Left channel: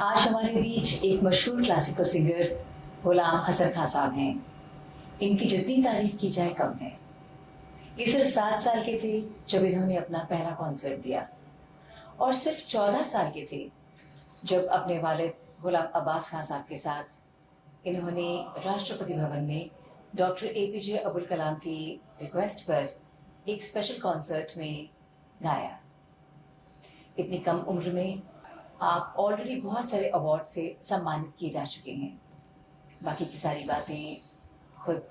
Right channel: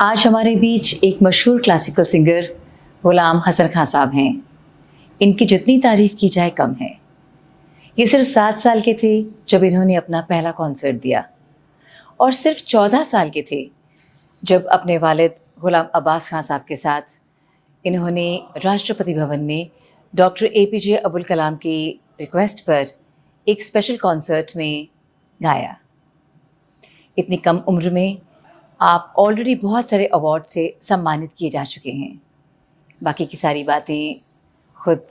आज हमारे बीच एक मशहूर क्लासिकल सिंगर गुलाम हसन खां साहब हैं। इनकी जितनी तारीफ की जाए कम है। ये सिर्फ 7 साल के थे जब इन्होंने अपना पहला कॉन्सर्ट दिया और सिर्फ 14 साल के थे जब अपने वालिद गुलाम अब्बास खां साहब के साथ इन्होंने राष्ट्रपति भवन में डॉक्टर एपीजे अब्दुल कलाम की रिक्वेस्ट पर एक स्पेशल कॉन्सर्ट में गाया। इतनी कम उम्र में आप ऑलरेडी बहुत सारे अवार्ड से सम्मानित किए जा चुके हैं। बाकी की सारी बातें खुद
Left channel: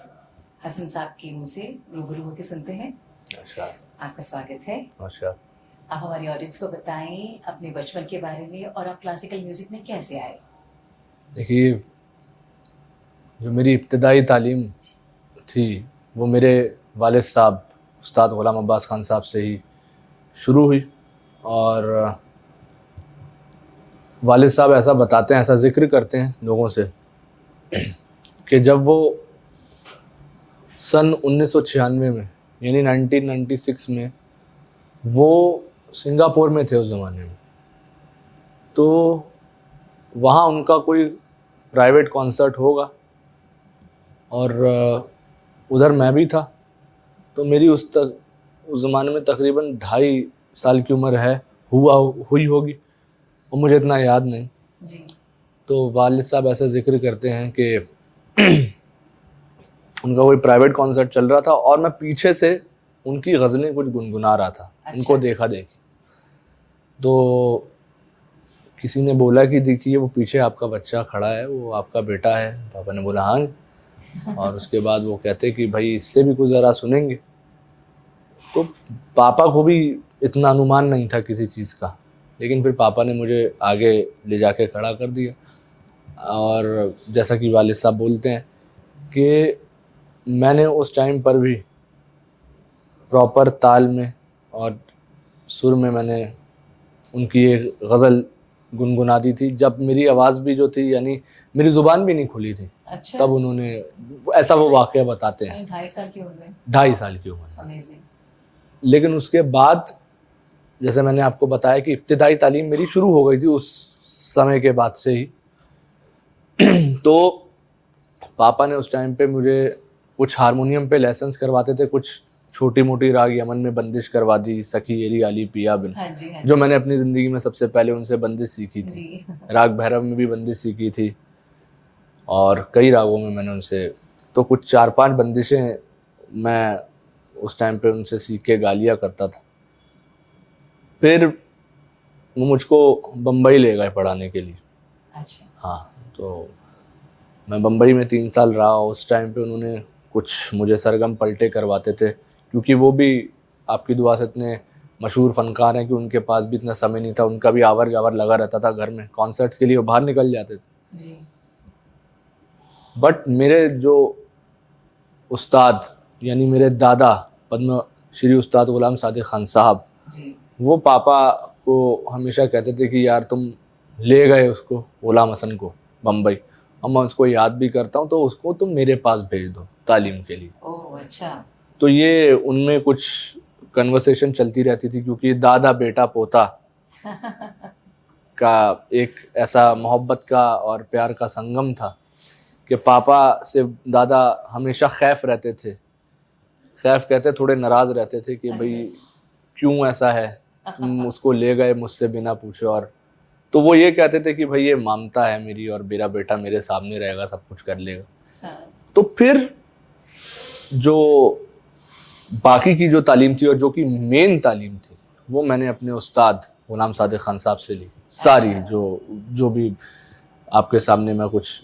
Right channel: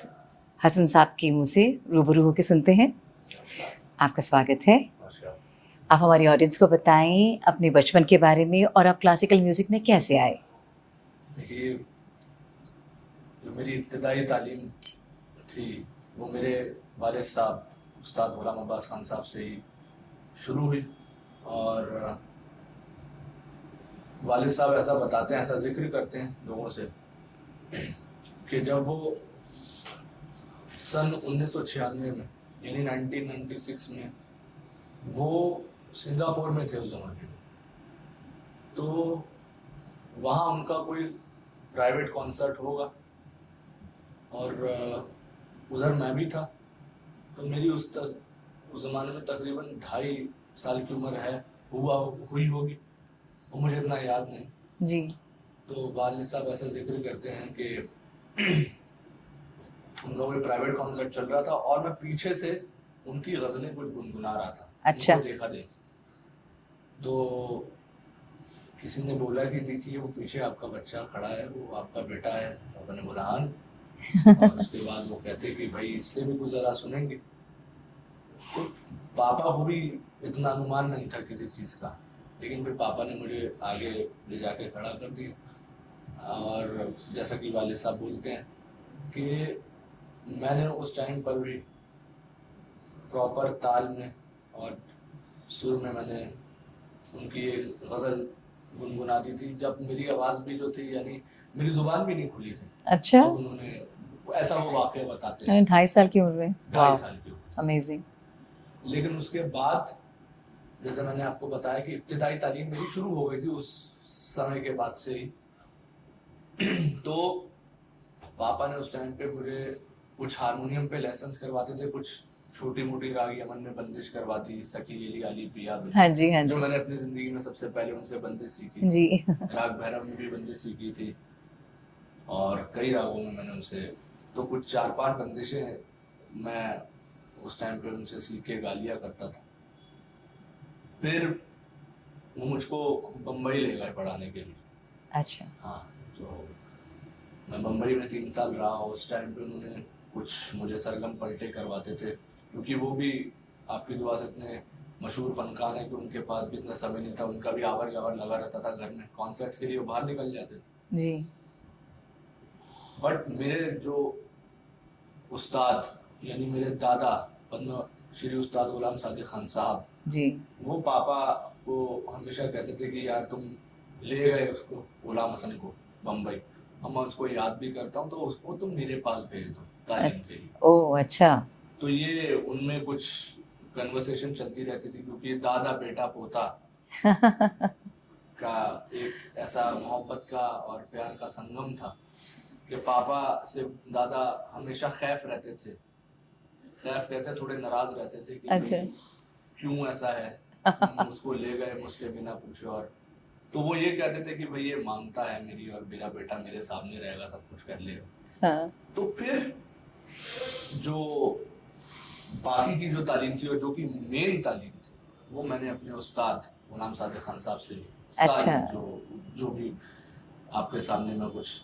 हसन साहब के मुंह से रूबरू होकर सुनते हैं। आपका स्वागत है। आप हमारी ऑडियंस को बताएं अपने बचपन के बारे में और आप क्लासिकल म्यूज़िक में कैसे आए। देखिए, जो मेरी इब्तदाई तालीम थी वो मेरे वालिद साहब उस्ताद गुलाम अब्बास खान साहब से ही शुरू हुई। और वालिद साहब ऐसा बताते हैं, ऐसा ज़िक्र करते हैं लोगों से कि जब वो सन 1996 में यानी 1996 में वो सिंगापुर में थे उस ज़माने में, तो वहाँ उनका कोई प्राइवेट कॉन्सर्ट होगा और उधर मैं भी था। तो मेरी उस ज़माने में तकरीबन 2.5 साल की उम्र हुई होगी और मुझे इतना याद नहीं जी। तो वालिद साहब ऐसा जिक्र करते हैं कि उनका कोई प्राइवेट कॉन्सर्ट चल रहा था और मैं पीछे से उनकी गज़लें कुछ गुनगुना रहा था। अच्छा। उनको देखा तो किसी ने बोला कि देखिए वो पीछे आपका बच्चा खड़ा है, वो आपका बेटा है। पापा ने बोला हाँ। और उसके बाद वो कहते कि भाई इससे भी कुछ ज़रा सुनेंगे। तो पापा को भी इतना अनुमान नहीं था किसी चीज़ का, लेकिन फिर पापा ने मुझे आगे ले जाके खड़ा कर दिया। और जैसा कि वालिद साहब बोलते हैं कि मैंने उस टाइम पर भी प्रॉपर ताल में और सुर में मैंने उनकी एक गज़ल गुनगुना दी थी, जब मेरी आवाज़ भी जो थी यानी मेरी ज़ुबान भी नहीं खुली थी। अच्छा। तब उन्होंने ऐसा वो वाक़या बताते हैं। 2.5 साल की उम्र में। 2.5 साल की उम्र। अमेजिंग। लेकिन उसके बाद जैसे मैंने आपको बताया कि इब्तिदाई तालीम मेरी शुरू हो गई थी उस समय के बाद से ही। तो पापा ने उस टाइम पे मुझे कुछ हारमोनियम पे लेसन्स करवाते थे, कुछ छोटी मोटी राग यमन में बंदिश करवा दी, सखी एरी आली पिया बिन। हाँ जी, हाँ जी। जो मैंने अपनी ज़िंदगी में सबसे पहले उनसे बंदिश सीखी थी जी। राग भैरव में भी बंदिश सीखी थी और कई रागों में मैंने उनसे तो कुछ 4-5 बंदिशें मैं उस टाइम पे उनसे सीख के गा लिया करता था। फिर वो मुझको बम्बई ले गए पढ़ाने के लिए। अच्छा। हाँ, तो मैं बम्बई में 3 साल रहा। उस टाइम पे उन्होंने कुछ मुझे सरगम पलटे करवाते थे, क्योंकि वो भी आपकी दुआ से इतने मशहूर फ़नकार हैं कि उनके पास भी इतना समय नहीं था। उनका भी आवर जावर लगा रहता था घर में, कॉन्सर्ट्स के लिए वो बाहर निकल जाते थे। जी। बट मेरे जो उस्ताद यानी मेरे दादा पद्म श्री उस्ताद गुलाम सादिक खान साहब जी। वो पापा को हमेशा कहते थे कि यार तुम ले गए उसको गुलाम हसन को बम्बई, और मैं उसको याद भी करता हूँ, तो उसको तुम मेरे पास भेज दो तालीम के लिए। ओह अच्छा। तो ये उनमें कुछ कन्वर्सेशन चलती रहती थी, क्योंकि दादा बेटा पोता का एक ऐसा मोहब्बत का और प्यार का संगम था कि पापा से दादा हमेशा खैफ रहते थे। खैफ कहते थोड़े नाराज़ रहते थे कि भाई क्यों ऐसा है, तुम उसको ले गए मुझसे बिना पूछे। और तो वो ये कहते थे कि भाई ये ममता है मेरी और मेरा बेटा मेरे सामने रहेगा, सब कुछ कर लेगा। हाँ। तो फिर जो बाकी की जो तालीम थी और जो कि मेन तालीम थी वो मैंने अपने उस्ताद गुलाम सादिक खान साहब से ली सारी। अच्छा। जो भी आपके सामने मैं कुछ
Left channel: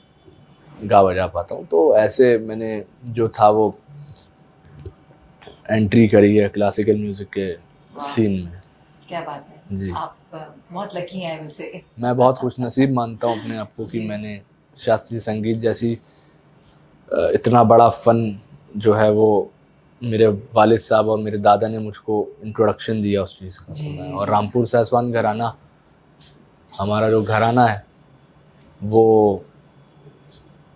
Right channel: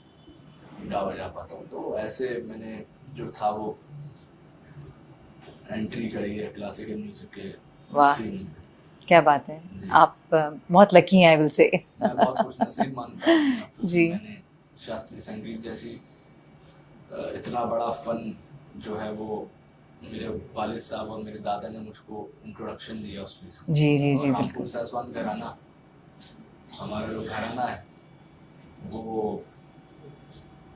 गा बजा पाता हूँ, तो ऐसे मैंने जो था वो एंट्री करी है क्लासिकल म्यूज़िक के सीन में। क्या बात है जी। आप बहुत लकी हैं आई विल से। मैं बहुत खुश नसीब मानता हूँ अपने आप को कि जी। मैंने शास्त्रीय संगीत जैसी इतना बड़ा फ़न जो है वो मेरे वालिद साहब और मेरे दादा ने मुझको इंट्रोडक्शन दिया उस चीज़ का। जी जी और जी। रामपुर साहसवान घराना हमारा जो घराना है वो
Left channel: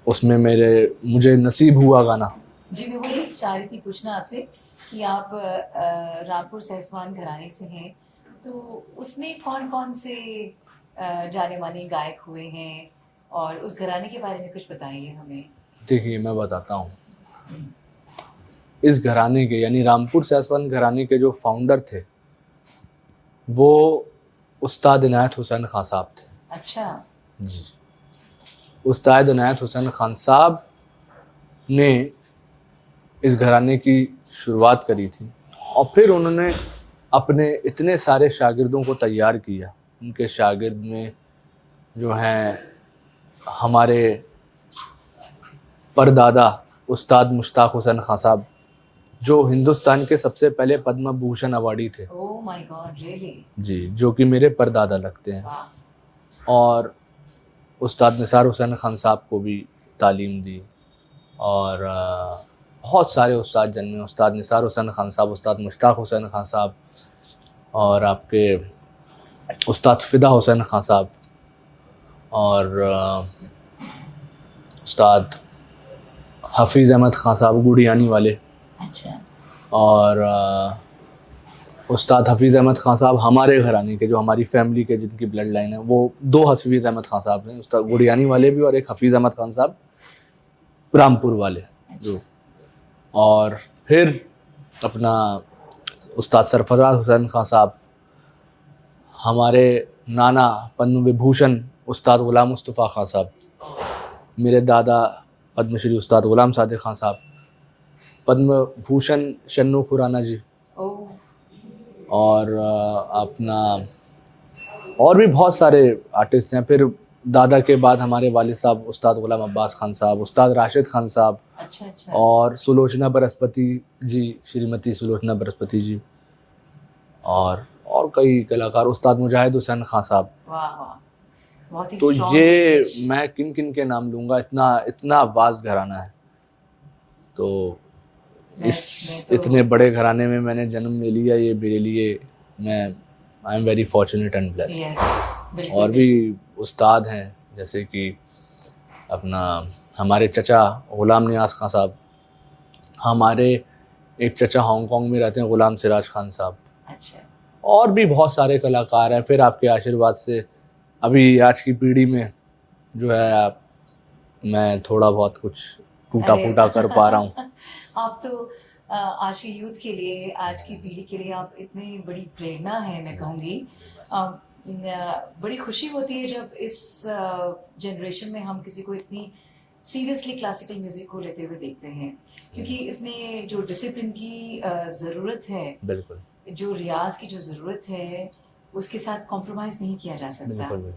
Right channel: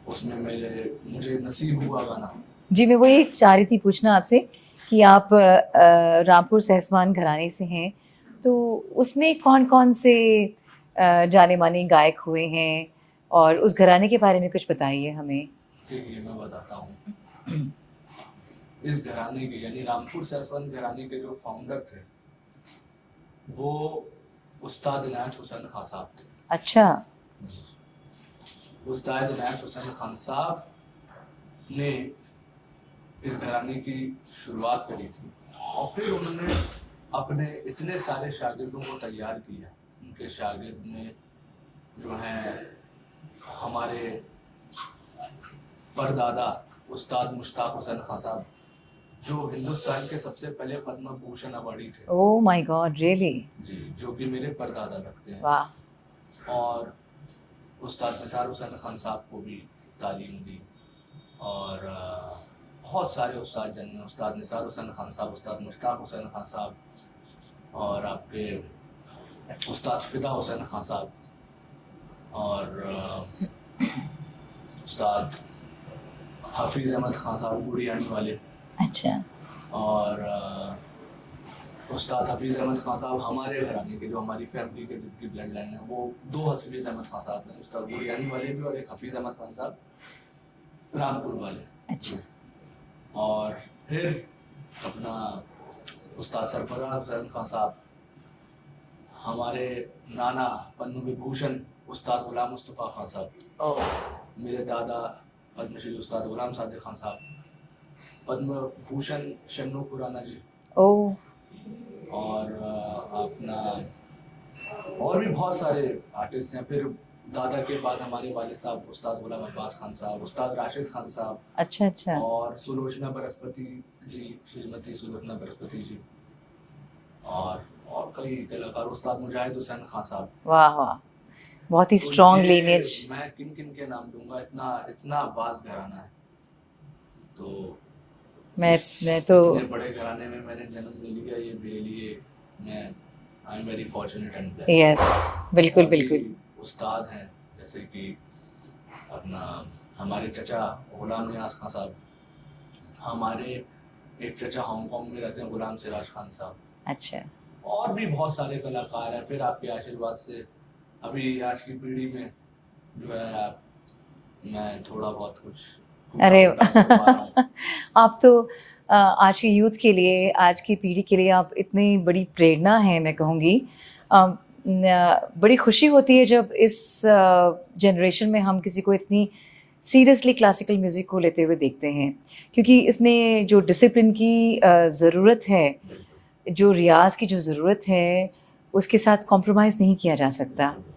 उसमें मुझे नसीब हुआ गाना। जी मैं वही चाह रही थी पूछना आपसे कि आप रामपुर सहसवान घराने से हैं, तो उसमें कौन कौन से जाने माने गायक हुए हैं, और उस घराने के बारे में कुछ बताइए हमें। देखिए मैं बताता हूँ, इस घराने के यानी रामपुर सैसवन घराने के जो फाउंडर थे वो उस्ताद इनायत हुसैन खान साहब थे। अच्छा। जी, उस्ताद इनायत हुसैन खान साहब ने इस घराने की शुरुआत करी थी और फिर उन्होंने अपने इतने सारे शागिर्दों को तैयार किया। उनके शागिर्द में जो हैं हमारे परदादा उस्ताद मुश्ताक हुसैन खान साहब, जो हिंदुस्तान के सबसे पहले पद्म भूषण अवार्डी थे। Oh my God, really? जी, जो कि मेरे परदादा लगते हैं। वाह। और उस्ताद निसार हुसैन खान साहब को भी तालीम दी और बहुत सारे उस्ताद जन्मे, उस्ताद निसार हुसैन खान साहब, उस्ताद मुश्ताक हुसैन खान साहब और आपके उस्ताद फ़िदा हुसैन खान साहब और उस्ताद हफीज़ अहमद खान साहब गुड़ियानी वाले। अच्छा। और उस्ताद हफीज़ अहमद खान साहब हमारे घराने के, जो हमारी फैमिली के जिनकी ब्लड लाइन है, वो दो हफीज़ अहमद खान साहब हैं, उस्ताद गुड़ियानी वाले भी और एक हफीज़ अहमद खान साहब रामपुर वाले। अच्छा। और फिर अपना उस्ताद सरफराज हुसैन खान साहब, हमारे नाना पद्म विभूषण उस्ताद ग़ुलाम मुस्तफ़ा खान साहब, मेरे दादा पद्मश्री उस्ताद ग़ुलाम सादिक खान साहब, पद्म भूषण शन्नू खुराना जी। ओह। और अपना और भी बहुत सारे आर्टिस्ट हैं। फिर दादा के बाद हमारे वालिद साहब उस्ताद ग़ुलाम अब्बास खान साहब, उस्ताद राशिद खान साहब। अच्छा अच्छा। और सुलोचना बृहस्पति जी, श्रीमती सुलोचना बृहस्पति जी और कई कलाकार, उस्ताद मुजाहिद हुसैन खान साहब। वाह वाह, बहुत ही तो स्ट्रॉन्ग ये लिनेज। मैं किन किन के नाम लूँगा, इतना वास्ट घराना है। तो मैं तो इतने बड़े घराने में मैंने जन्म ले लिया, ये मेरे लिए मैं I am very fortunate and blessed. Yes, बिल्कुल और बिल्कुल। भी उस्ताद हैं जैसे कि अपना हमारे चचा ग़ुलाम नियाज़ खान साहब, हमारे एक चचा हांगकांग में रहते हैं ग़ुलाम सिराज खान साहब। अच्छा। और भी बहुत सारे कलाकार हैं। फिर आपके आशीर्वाद से अभी आज की पीढ़ी में जो है मैं थोड़ा बहुत कुछ टूटा फूटा कर पा रहा हूँ। आप तो आज के यूथ के लिए, आज की पीढ़ी के लिए आप इतनी बड़ी प्रेरणा है, मैं कहूँगी। बड़ी खुशी होती है जब इस जनरेशन में हम किसी को इतनी सीरियसली क्लासिकल म्यूज़िक को लेते हुए देखते हैं, क्योंकि इसमें जो डिसिप्लिन की ज़रूरत है, बिल्कुल जो रियाज़ की जो ज़रूरत है, उसके साथ कॉम्प्रोमाइज़ नहीं किया जा सकता। बिल्कुल।